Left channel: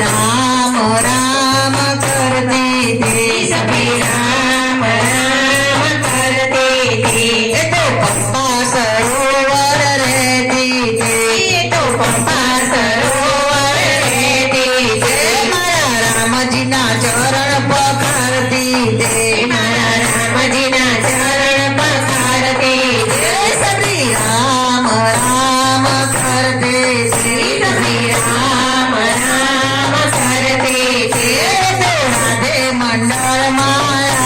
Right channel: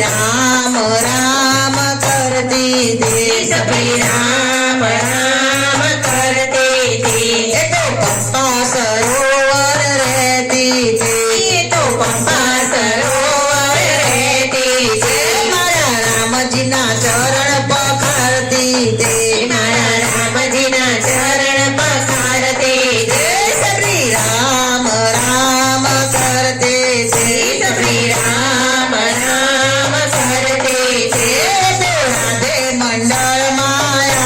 राम राम करती थी, सभी राम राम करती थी। ये तो पप्पा सरोवर रहती थी, ये तो पप्पा सरोवर रहती थी। मारा राम जी ना चरण पखारती थी, मारा राम जी ना चरण पखारती थी। सभी राम राम करते थे, सभी राम राम करती थी। राधे मंडल माया